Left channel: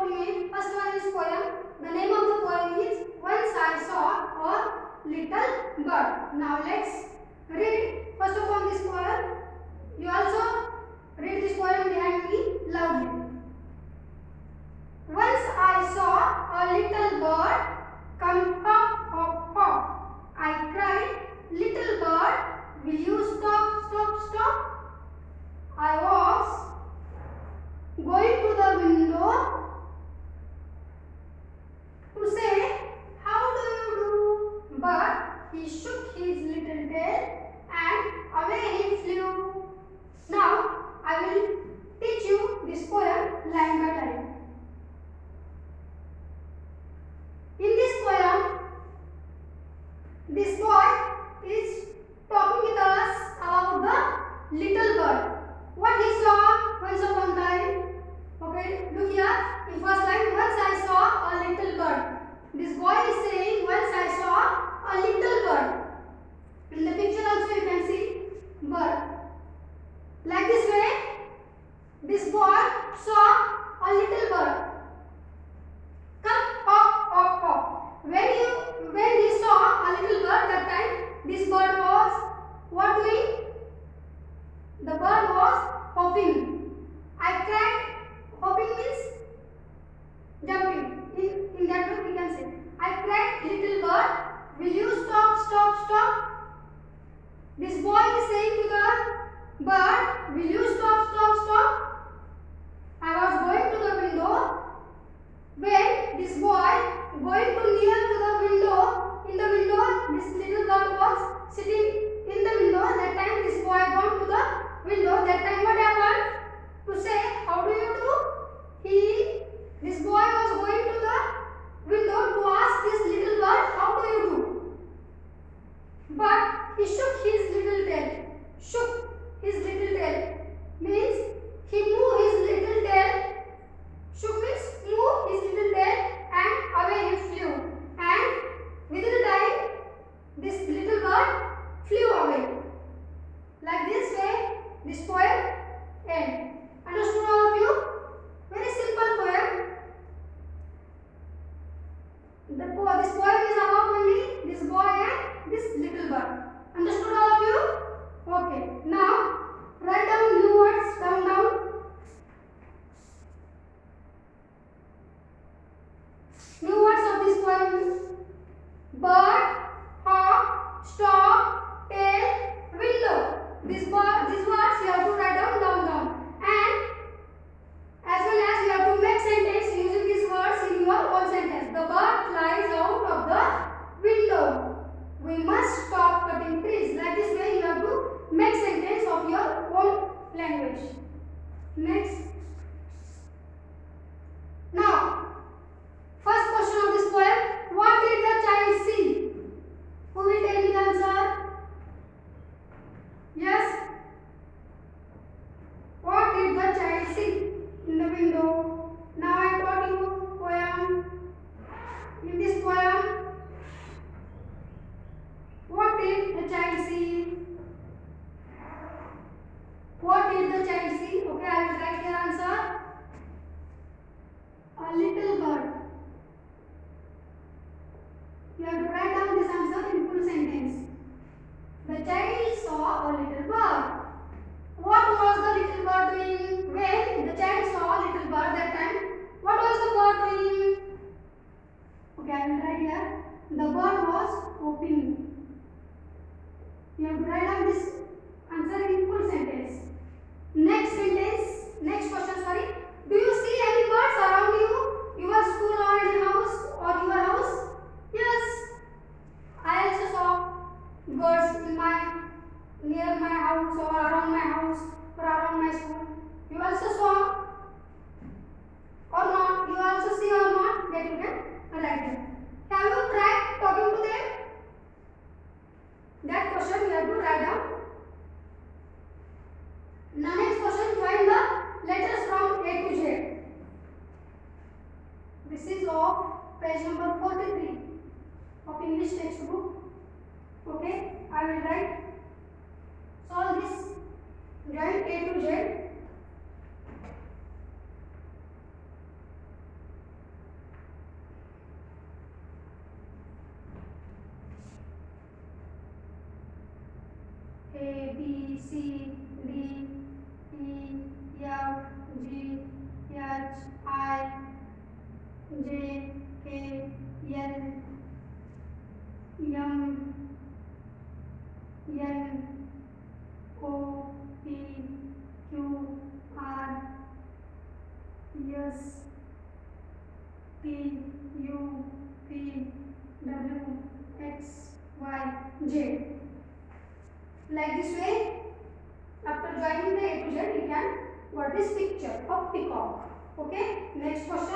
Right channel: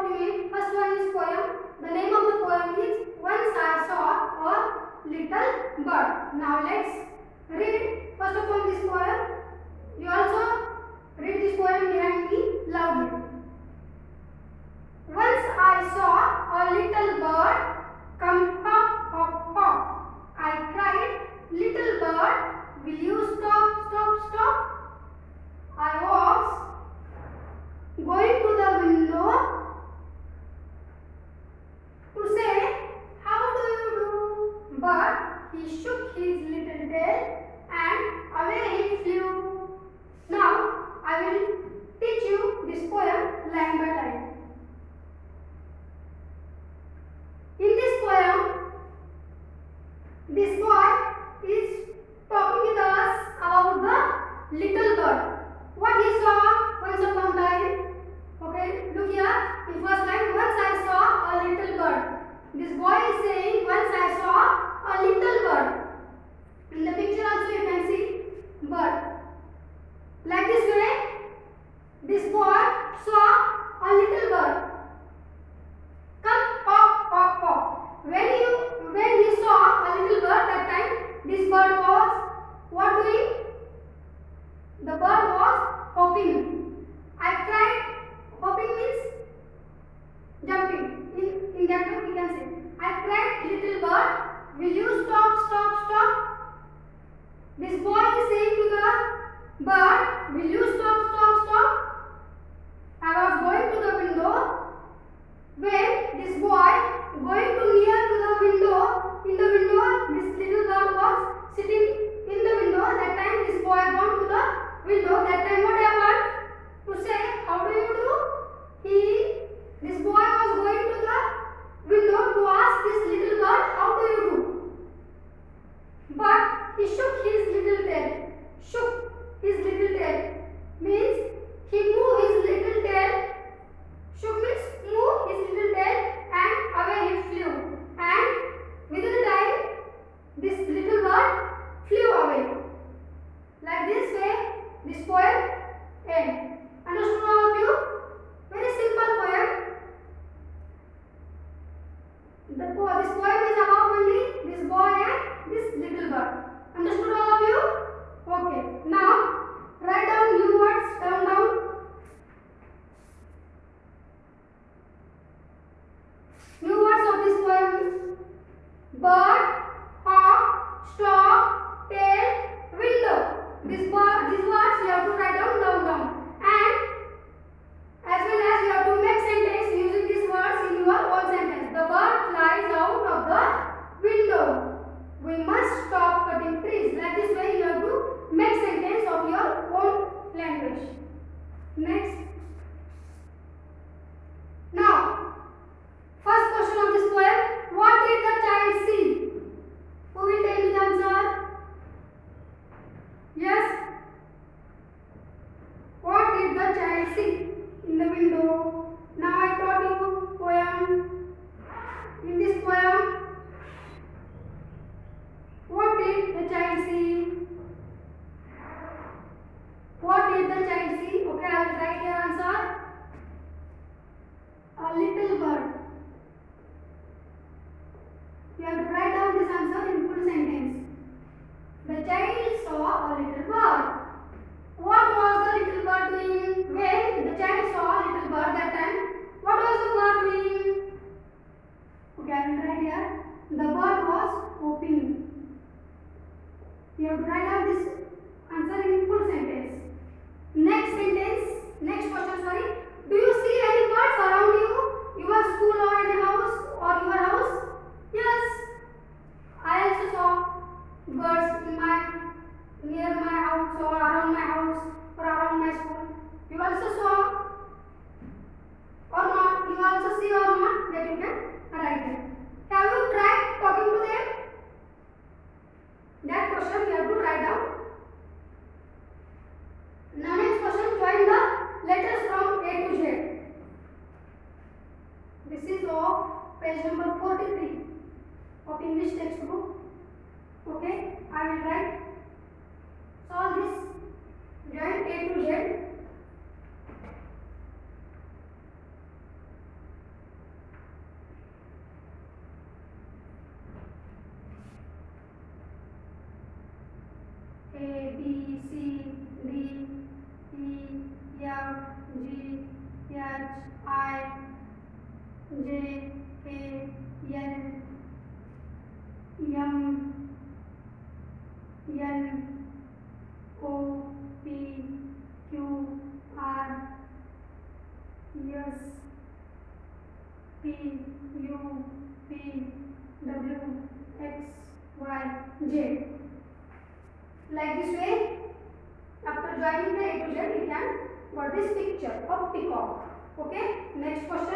about in it. First one is poem. The name of the poem is Once I Saw a Little Bird. Now let's read first of all this poem. You also read this poem behind me loudly. Once I saw a little bird come hop, hop, hop. I cried, little bird, will you stop, stop, stop? I was going to the window to say, how do you do? But he shook his little tail and away he flew. Now I will teach you this poem line by line. In this poem, this boy is talking with us about the little bird. What he saw once upon a time. Okay, look here. In first line, once I saw a little bird. This boy is saying, once I saw a little bird. In the picture also you can see bird. Like this way, this boy saw a little bird. Come, hop, hop, hop. When he saw a little bird, that time this bird was what doing? The bird was hopping. I cried. Hopping means jumping. In that way we can say. I cried, little bird, will you stop, stop, stop? This boy is saying to the bird, will you stop, stop, stop? I was going to the window. When this boy going to near to the window, in the window this little bird was sitting in the window. That time this boy gone to the window. That time what happened? To say, how do you do? This boy was going to the window to ask this little bird, how do you do? But he shook his little tail. Shook his little tail means he moved his little tail. Shook means move his little tail and away he flew. And within the time, this little bird flew away. Like this way, this poem ends. Understood all of you? Very simple poem. This poem is about only this boy and this little bird. Understood all of you? Okay. Now write down new words down. New words of this poem: bird, hop, stop, tail, window. These words you have to write down. And as well as you have to make sentence using these words in your own sentence. The bird flies out of the window. We must stop cutting trees. Like this way you have to make sentence of your own language. Next. Now, first question of this poem. What did the child see? Who will tell me the answer? Yes. What did the child see in the window? Now I taught you poem. In this poem, what did the child see? What did the child see? Okay, I will write your answer. A little bird. You have to write down this answer in full sentence. The child saw a little bird. What was the little bird doing? When the child saw a little bird that time, what was the bird doing? Okay, I will write here. The bird was hopping. You have to write down this answer in full sentence. Next question, sorry. Do you see any birds around you? Your school or any house or your house? Yes. I also saw birds near my house or around my house or around my school. You also saw or not? You also see or not? That you can write there. Have you tried talking to them? That question you have to write down. Now next question, join the letters from A to Z. This is of page number 43 of English textbook. Okay, I will write. Solve this. Join A to Z. A B C D E F G H I J K L M N O P Q R S T U V W X Y Z. Like this way, after joining the A to Z, we can got this picture of peacock. Okay. Next question.